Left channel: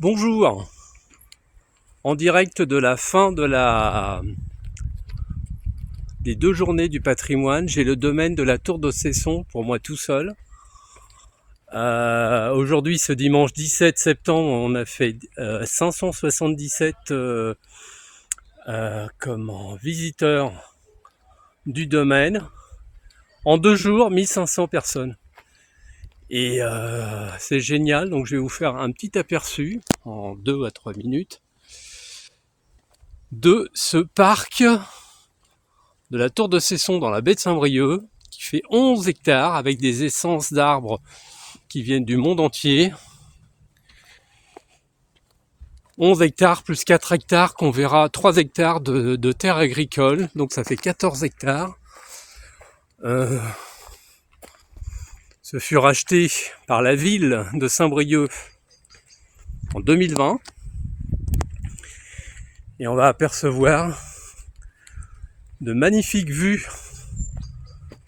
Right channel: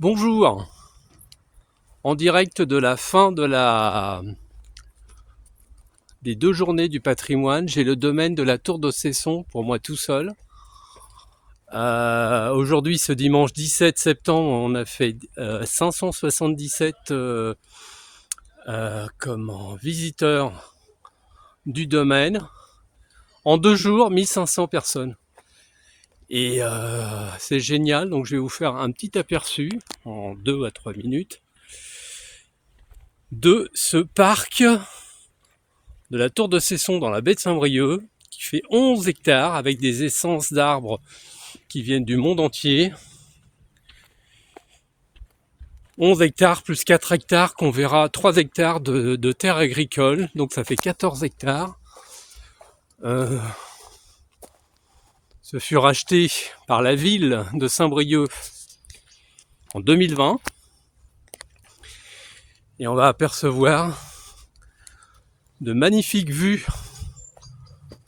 Bonjour, en direct de la fin des 2 journées du patrimoine, j'ai le domaine de la Tour de Cesson pour moi tout seul. Aujourd'hui, ce dimanche 17 septembre, on a fait 577 visiteurs du domaine. En 2 jours, 1500 personnes. Et c'est génial, donc je vais vous faire un petit aperçu en 2 à 3 minutes de ce parc de la Tour de Cesson dans la baie de Saint-Brieuc, qui fait 11 hectares avec des essences d'arbres qui viennent du monde entier. 11 hectares plus 4 hectares qu'on verra, 3 hectares de terre agricole, donc ça fait 14 hectares. Ce fut racheté par la ville de Saint-Brieuc en 2020. Et on va apercevoir de magnifiques vues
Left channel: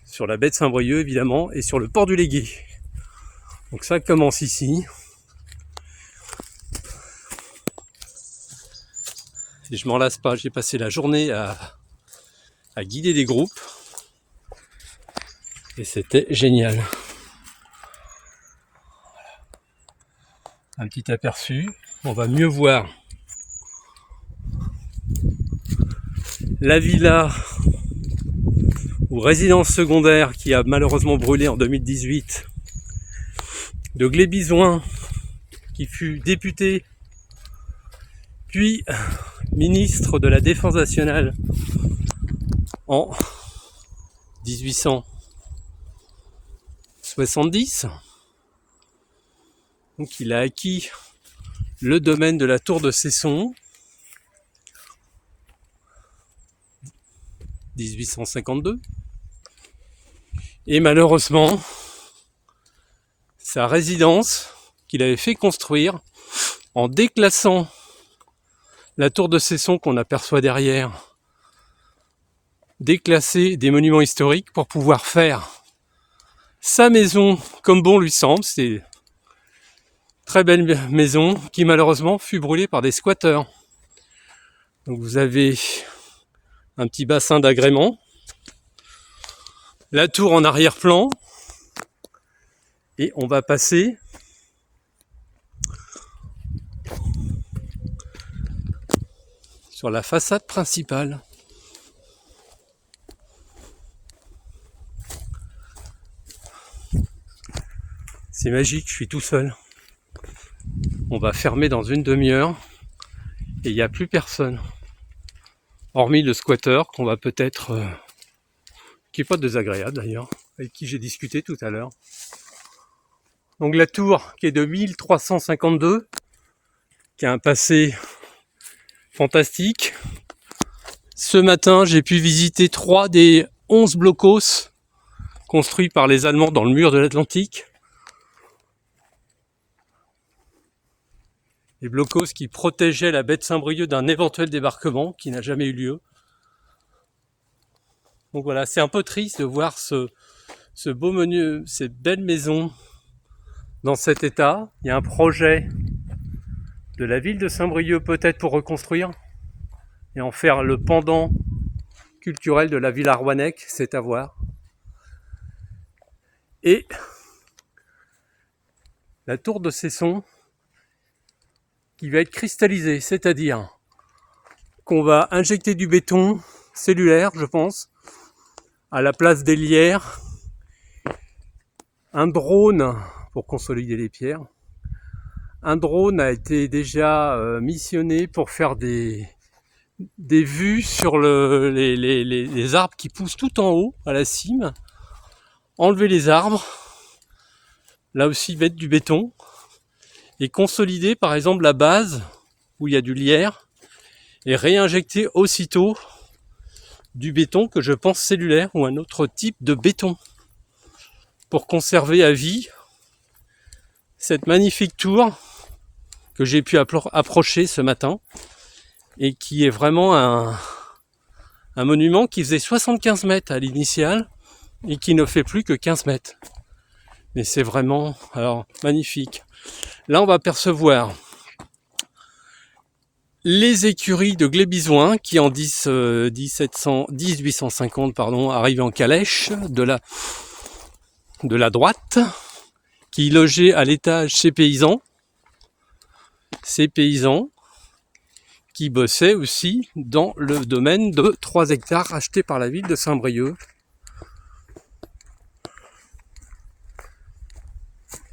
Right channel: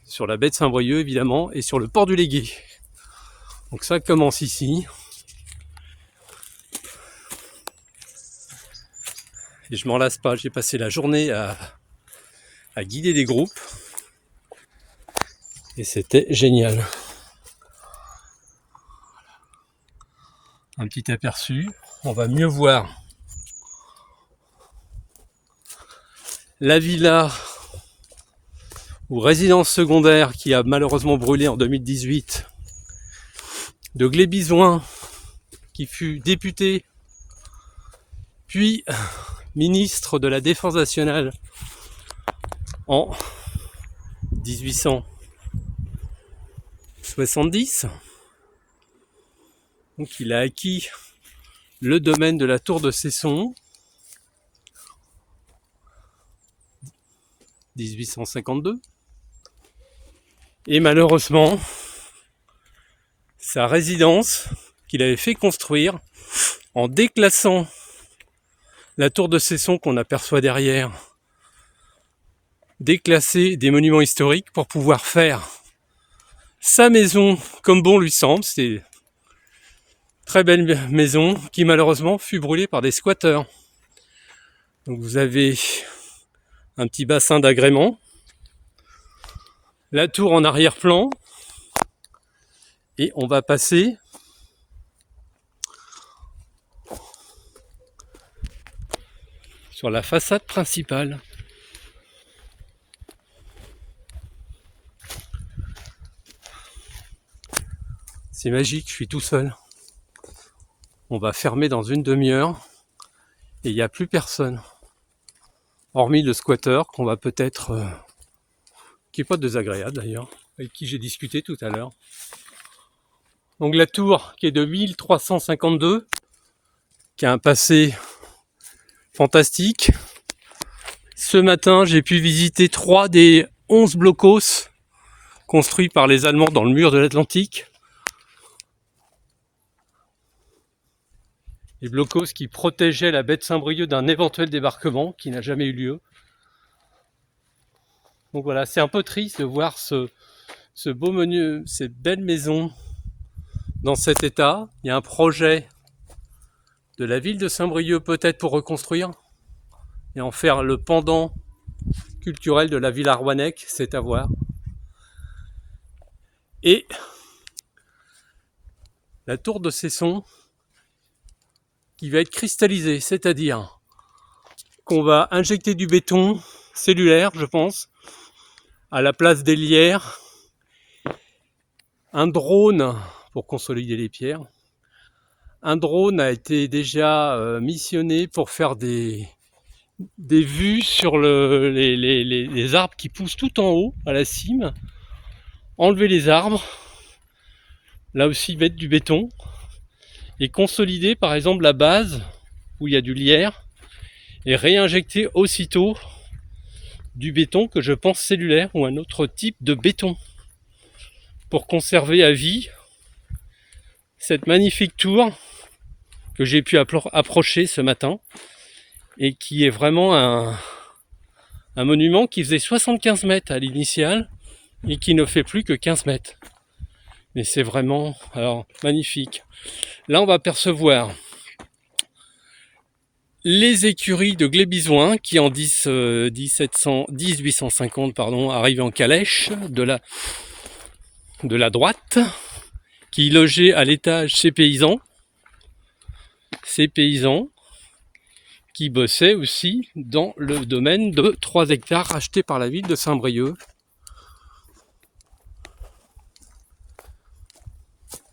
sur la baie de Saint-Brieuc évidemment et sur le port du Légué. Donc ça commence ici. Et je m'en lasse pas, j'ai passé la journée à guider des groupes. Et c'était génial. Voilà. Un petit aperçu. On va mieux voir la villa ou résidence secondaire qui a malheureusement brûlé en 2018 de Glébizouin, qui fut député puis ministre de la Défense nationale en 1870. Donc il a acquis le domaine de la Tour de Cesson 1852 et malheureusement sa résidence qu'il avait fait construire en déclassant la Tour de Cesson qu'on aperçoit derrière, déclasser des monuments historiques pour pouvoir faire sa maison comme bon lui semble. C'est une très belle maison qui malheureusement fut brûlée par des squatteurs. Donc vous avez un petit bassin d'agrément, la tour en arrière-plan, et on va passer sur la façade principale. C'est magique, je suis tout seul. On va fermer dans une demi-heure et il n'y a plus personne. Hormis le squatteur qu'on va peut-être... qui n'est pas désagréable d'ailleurs, avec qui j'ai discuté tout à l'heure. Donc la tour qui est de 1352, qui a un passé fantastique. Ce matin, j'ai pu visiter 3 des 11 blocos construits par les Allemands dans le mur de l'Atlantique. Les blocos qui protégeaient la baie de Saint-Brieuc d'un éventuel débarquement qui n'a jamais eu lieu. Donc voilà, c'est un peu triste de voir ce beau menu, ces belles maisons dans cet état. Il y a un projet de la ville de Saint-Brieuc peut-être pour reconstruire et en faire le pendant culturel de la Villa Rouannec, c'est à voir. Et la Tour de Cesson qui va être cristallisée, c'est-à-dire qu'on va injecter du béton cellulaire, je pense, à la place des lierres, un drone pour consolider les pierres. Un drone a été déjà missionné pour faire des vues sur les arbres qui poussent tout en haut, à la cime. Enlever les arbres, là aussi mettre du béton, et consolider par exemple la base où il y a du lierre, et réinjecter aussitôt du béton que je pense cellulaire ou un autre type de béton pour conserver à vie cette magnifique tour que j'ai pu approcher ce matin et qui est vraiment un monument qui faisait 75 mètres à l'initiale et qui ne fait plus que 15 mètres. Mais c'est vraiment magnifique. Là, on va apercevoir les écuries de Glébizouin qui en 1850 arrivaient en calèche de la droite, qui logeaient à l'étage ces paysans qui bossaient aussi dans le domaine de 3 hectares achetés par la ville de Saint-Brieuc.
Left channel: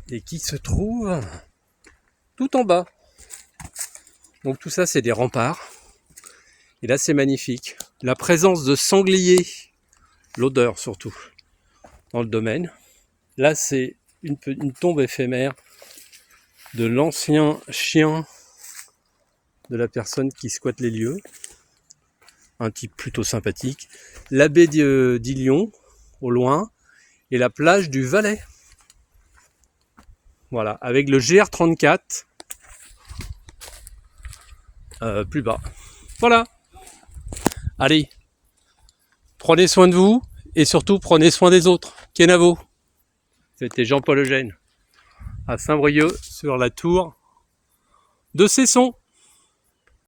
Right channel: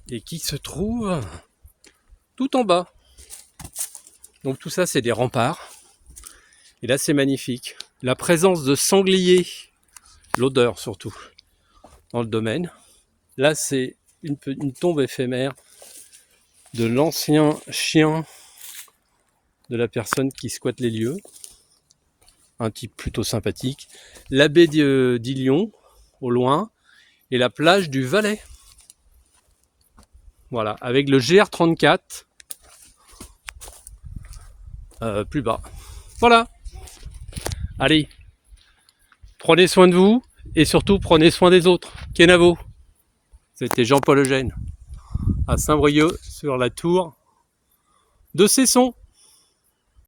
Et qui se trouve tout en bas. Donc tout ça, c'est des remparts. Et là, c'est magnifique. La présence de sangliers, l'odeur surtout, dans le domaine. Là, c'est une tombe éphémère de l'ancien chien de la personne qui squatte les lieux. Un type plutôt sympathique. La baie d'Ilion, au loin, et la plage du Valais. Voilà, avec le GR34 plus bas. Voilà. Allez, prenez soin de vous et surtout prenez soin des autres. Kenavo. C'était Jean-Paul Eugène à Saint-Brieuc sur la tour de Cesson.